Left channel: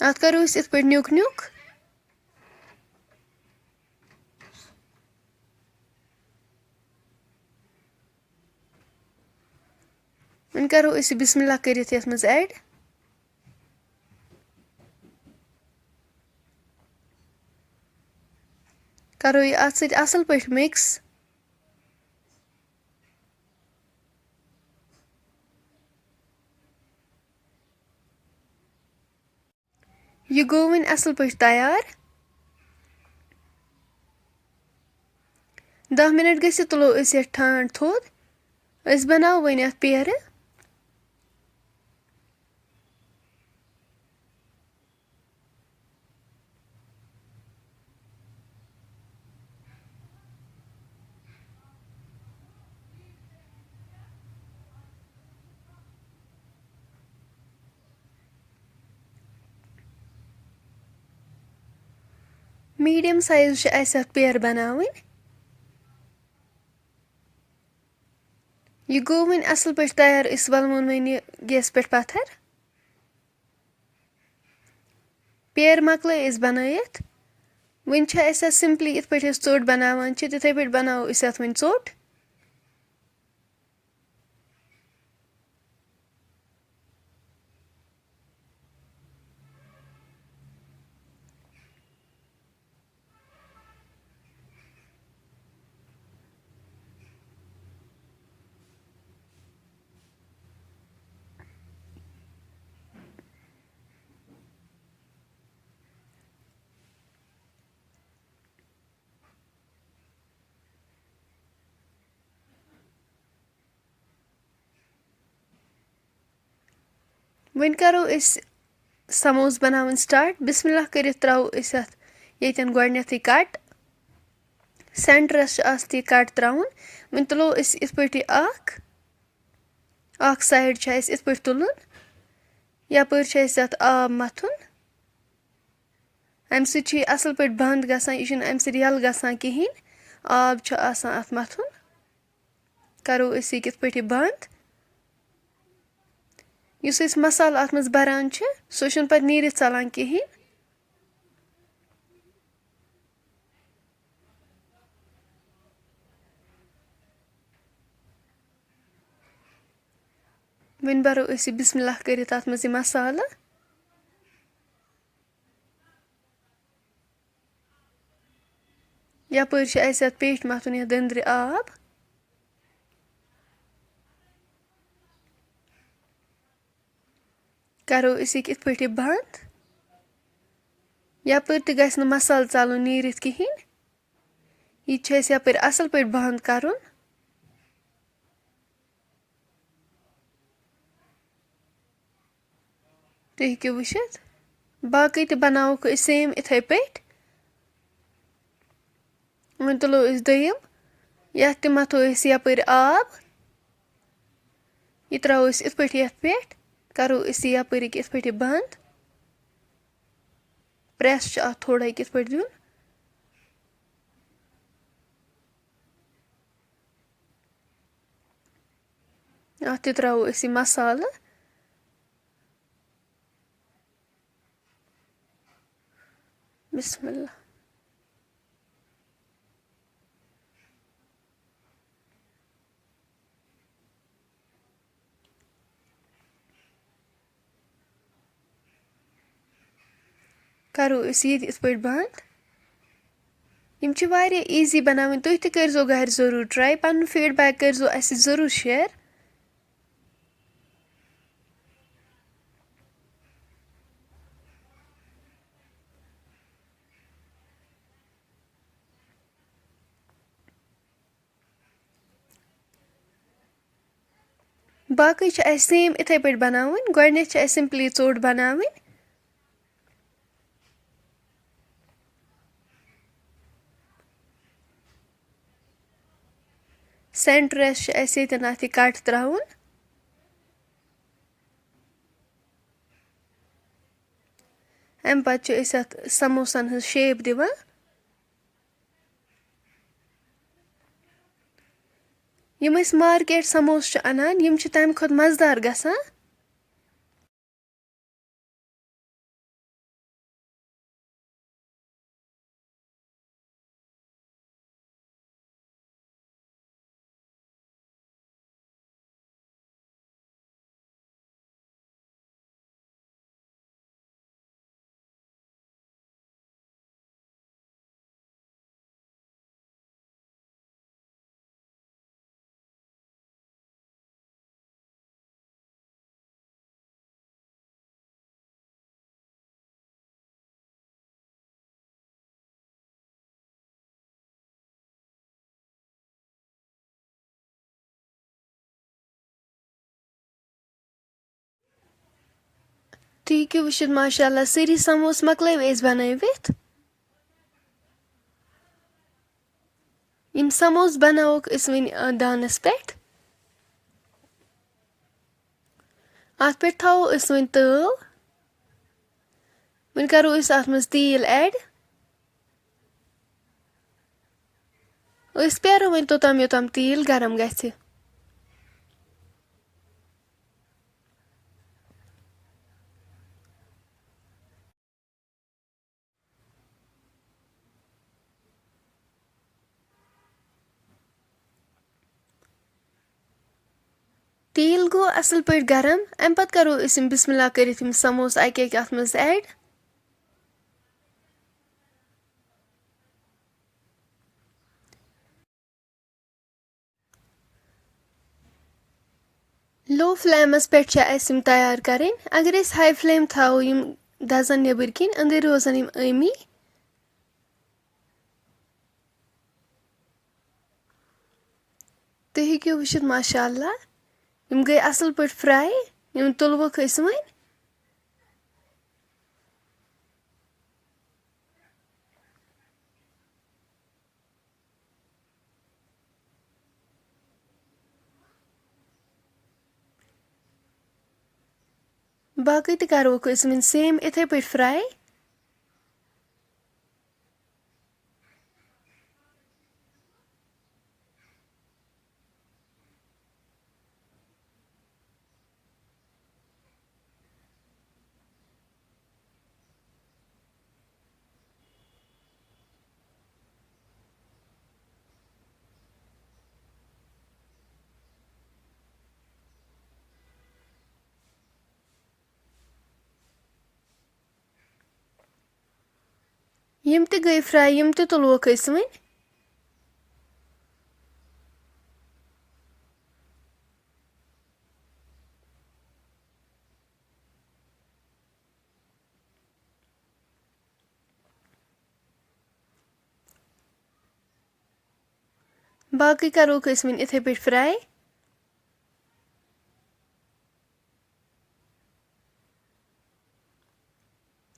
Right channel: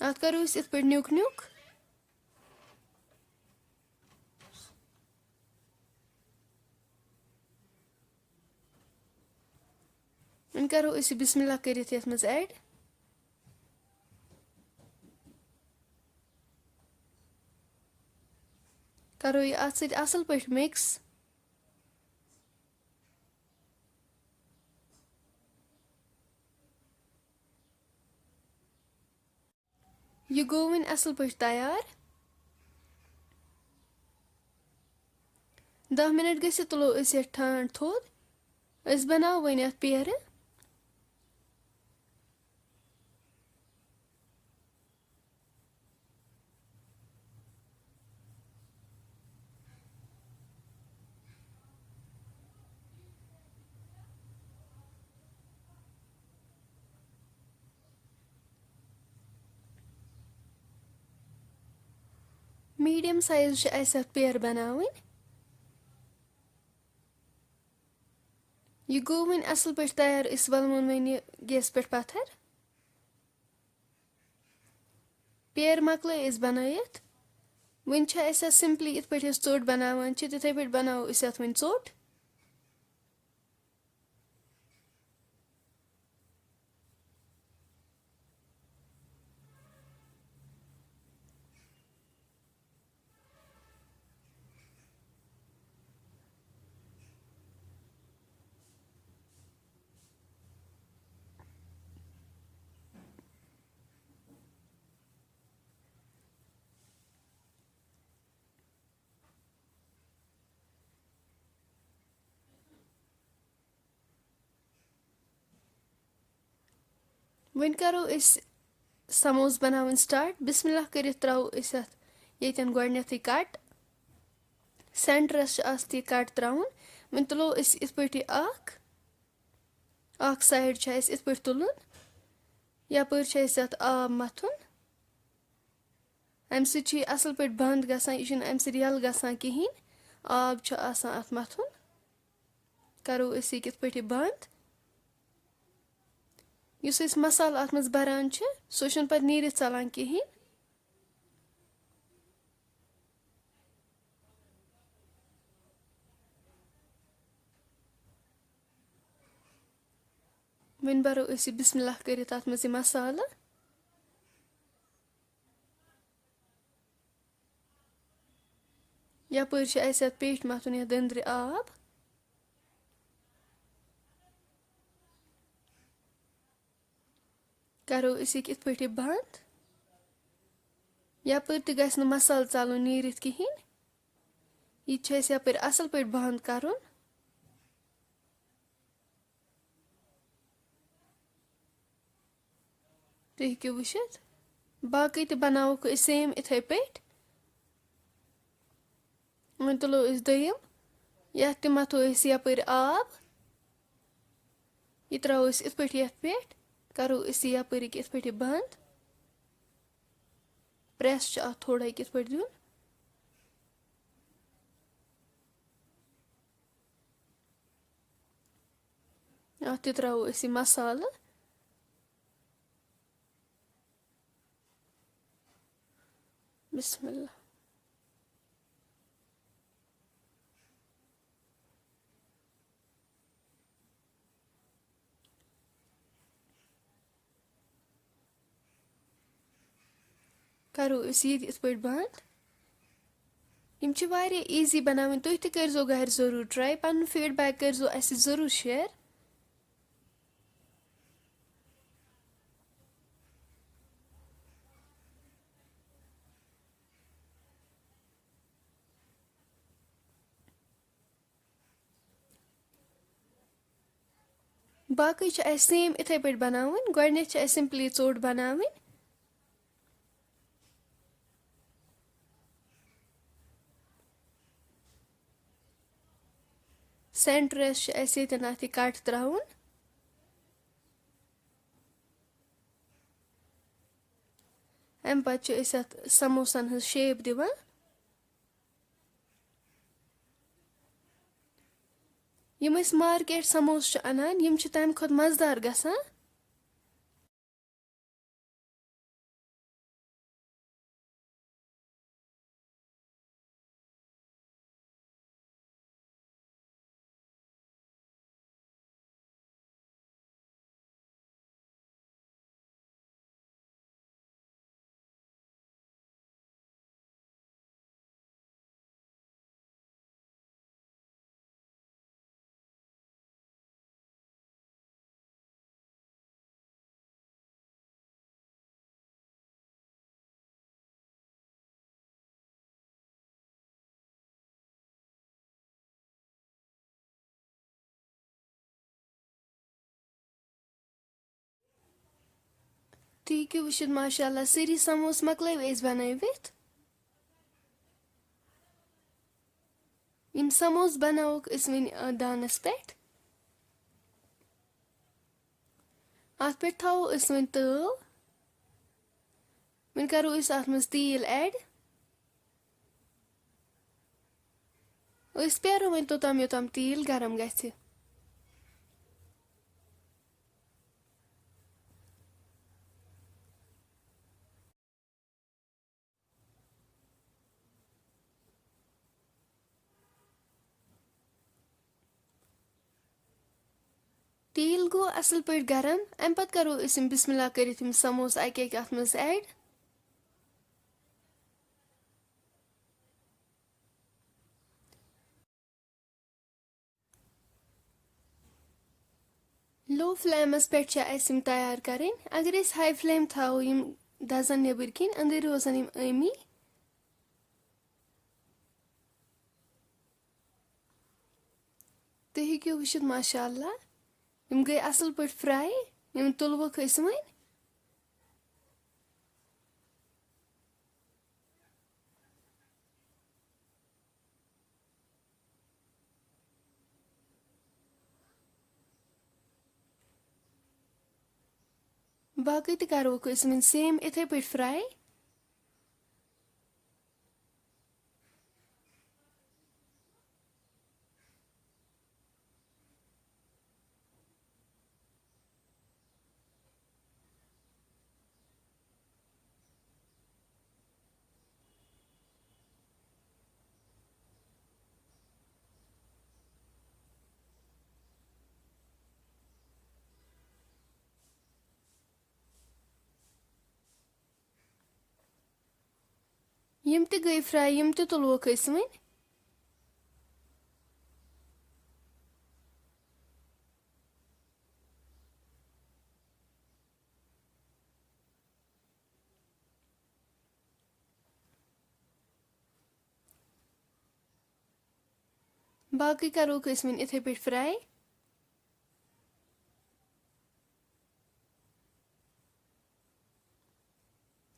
اَتھ کَرو أسۍ یِتھ پٲٹھۍ نیُک نیُک. وۄنۍ کَرو أسۍ یہِ بِسمہِ اللہ کٔرِتھ یَتھ منٛز ایڈ. کَرو یہِ اَتھ سۭتۍ اَصٕل پٲٹھۍ مِکٕس. یہِ گوٚو وۄنۍ اَصٕل پٲٹھۍ تیار. 10 مِنٹ گٔژھِتھ تُلو أسۍ یَتھ ٹھانٛڈ تھوٚد. أسۍ بَناوو وۄنۍ اَتھ پیرٕ. میٖڈیَم سایز چھِ اَسہِ اَتھ پیرٕ بَناوٕنۍ. یہِ گوٚو وۄنۍ اَصٕل پٲٹھۍ تیار. أسۍ وَلوُن وۄنۍ یہِ گیسہٕ پٮ۪ٹھ پَتھر. پیرٕ مۄکلٲے أسۍ بَنٲیِتھ. وۄنۍ چھِ اَسہِ اَتھ سِمپلی یِتھ پٲٹھۍ أسۍ ژوٚٹ بَناوان چھِ تِتھَے پٲٹھۍ بَناوو أسۍ اَتھ وۄنۍ ژوٚٹ. وۄنۍ کَرو أسۍ سموس بَناوٕنۍ سٹاٹ. بِسمہِ اللہ کٔرِتھ ترٛاوو أسۍ اَتھ ییٚتٮ۪ن گۄڈنٮ۪تھٕے کَٹ. سٮ۪نٹرَس چھِ آستی کَٹ ترٛاوُن. وۄنۍ تُلو أسۍ یِتھ پٲٹھۍ یہِ اَکھ سایڈ چھُ اَسہِ یِتھ پٲٹھۍ تُلُن. یَپٲرۍ چھُ اَسہِ اَتھ آب مَتھُن. اَمہِ سۭتۍ چھُ یہِ اَصٕل پٲٹھۍ بنٛد گژھان. یہِ چھُنہٕ اَمہِ سۭتۍ یَلہٕ گژھان کِہیٖنۍ. آب چھُ آسان اَتھ مَتھُن. کَرو أسۍ یہِ کِتھ پٲٹھۍ یہِ بنٛد. یُس أسۍ مصالہٕ اَتھ منٛز بَران چھِ سُہ چھُنہٕ پَتہٕ نیٖرِتھ ژَلان کِہیٖنۍ. وۄنۍ بَرو أسۍ یہِ بِسمہِ اللہ کٔرِتھ اَتھ منٛز یہِ مصالہٕ. یَپٲرۍ چھِ اَسہِ اَتھ پیٚٹھۍ مَتھُن یَتھ دٔنٛدرِ آب. کَرو أسۍ یہِ کِتھ پٲٹھۍ یہِ بنٛد. یَپٲرۍ تہِ گژھِ نہٕ مصالہٕ ژَلُن نیٖرِتھ کِہیٖنۍ. یہِ تہِ چھِ اَسہِ یَپٲرۍ اَصٕل پٲٹھۍ بنٛد کَرُن. تُہۍ ہیٚکِو وٕچھِتھ. باقٕے تہِ بَناووکھ أسۍ سیم یِتھَے پٲٹھۍ. وۄنۍ تُلو أسۍ دوٚیِم. یَتھ تہِ مَتھو أسۍ یَپٲرۍ آب. یہِ ترٛاوو أسۍ یِتھ پٲٹھۍ یَتھ پٮ۪ٹھ. کَرو أسۍ یہِ یَپٲرۍ یِتھ پٲٹھۍ یہِ بنٛد. پرٛٮ۪س چھُ اَتھ تھوڑا یہِ کِتھ پٲٹھۍ دیُن. اَتھ تہِ ترٛاوو أسۍ یہِ مصالہٕ. بِسمہِ اللہ. کَرو أسۍ یہِ تہِ یِتھ پٲٹھۍ بنٛد. یِم چھِ واریاہ ایٖزی بَناوٕنۍ. تُہۍ تہِ کٔرۍزیو گَرِ ضٔروٗر ٹرٛاے. پَنُن فیٖڈبیک کٔرۍزیو اَسہِ ضٔروٗر شِیَر. باقٕے چھِ اَسہِ سیم یِتھَے پٲٹھۍ بَناوٕنۍ. گۄڈنٮ۪تھ چھِ اَسہِ سِمپلی ژوٚٹ بَناوٕنۍ. سٮ۪نٹرَس چھِ اَسہِ ییٚتٮ۪ن اَتھ یہِ کَٹ ترٛاوُن. اَمہِ پَتہٕ چھِ أسۍ اَتھ سموسَن ہٕنٛز شیپ دِوان. یِم أسۍ مارکیٹ سموس چھِ اَنان یِم چھِ تَمہِ کھۄتہٕ مَزٕدار گژھان. تُہۍ ہیٚکِو وٕچھِتھ ماشاء اللہ سٲری سموس مۄکلٲوۍ أسۍ بنٲوِتھ. یِم سموس بناووکھ أسۍ وۄنۍ دانس پٮ۪ٹھ. اَتھ پٮ۪ٹھ تھاوو أسۍ وۄنۍ تٲو. وۄنۍ کرو أسۍ اَتھ منٛز تیٖل ایڈ. أسۍ پیارو وۄنۍ توٚتام یوٚتام تیٖل گرم گژھِ. تیٖل گوٚو اَصٕل پٲٹھۍ گرم. اَمہِ پَتہٕ کرو أسۍ یِم بِسمہِ اللہ کٔرِتھ یِم سموس اَکہِ اَکہِ اَتھ منٛز ایڈ. لو فلیمَس پٮ۪ٹھ چھِ اَسہِ یِم تیار کَرٕنۍ. اگر أسۍ ہاے فلیم تھاوو یِم دَزن نیٚبٕرۍ کِنۍ أنٛدٕرۍ روزن یِم ٲمی. تُہۍ ہیٚکِو وٕچھِتھ ماشاء اللہ یِم گٔے اَصٕل پٲٹھۍ فراے. یِم تُلوُکھ أسۍ وۄنۍ. باقٕے تہِ کَروکھ أسۍ وۄنۍ سیم یِتھَے پٲٹھۍ فراے. یِم تہِ گٔے فراے یِم تہِ تُلوکھ أسۍ وۄنۍ. باقٕے کَروکھ أسۍ وۄنۍ یِتھَے پٲٹھۍ فراے.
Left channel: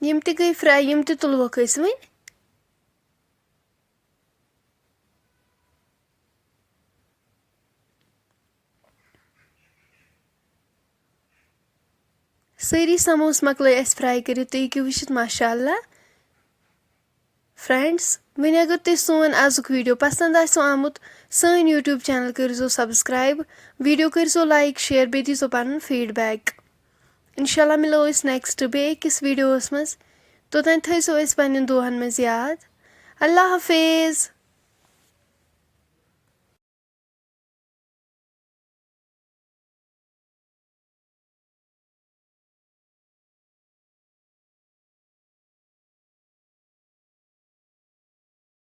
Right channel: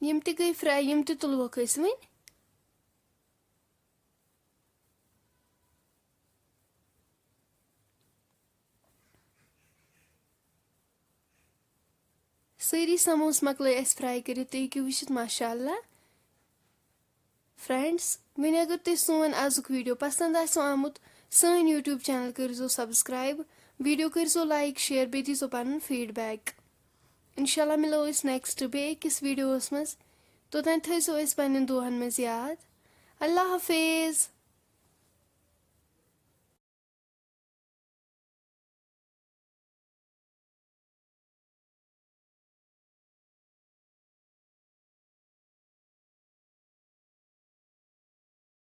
یِم تہِ گٔے فراے یِم تہِ تُلوکھ أسۍ وۄنۍ. سٲری سموس مۄکلٲے اَسہِ فراے کٔرِتھ. تُہۍ ہیٚکِو وٕچھِتھ ماشاء اللہ. فرٛٮ۪نٛڈٕس وۄنۍ اگر تۄہہِ سون آزُک ویٖڈیو پسنٛد آسیو آمُت سٲنۍ یوٗٹیوٗب چینل کٔرۍزیو سبسکرایب. ویٖڈیو کٔرۍزیو لایک شیر بیٚیہِ دیٖزیو پنُن فیٖڈبیک. اِنشاء اللہ مِلو أسۍ نیکسٹ بیٚیہِ أکِس ویٖڈیووَس منٛز. توٚتام تھٲیزیو أسۍ پنٛنٮ۪ن دُعاہن منٛز یاد. اللہ حافظ.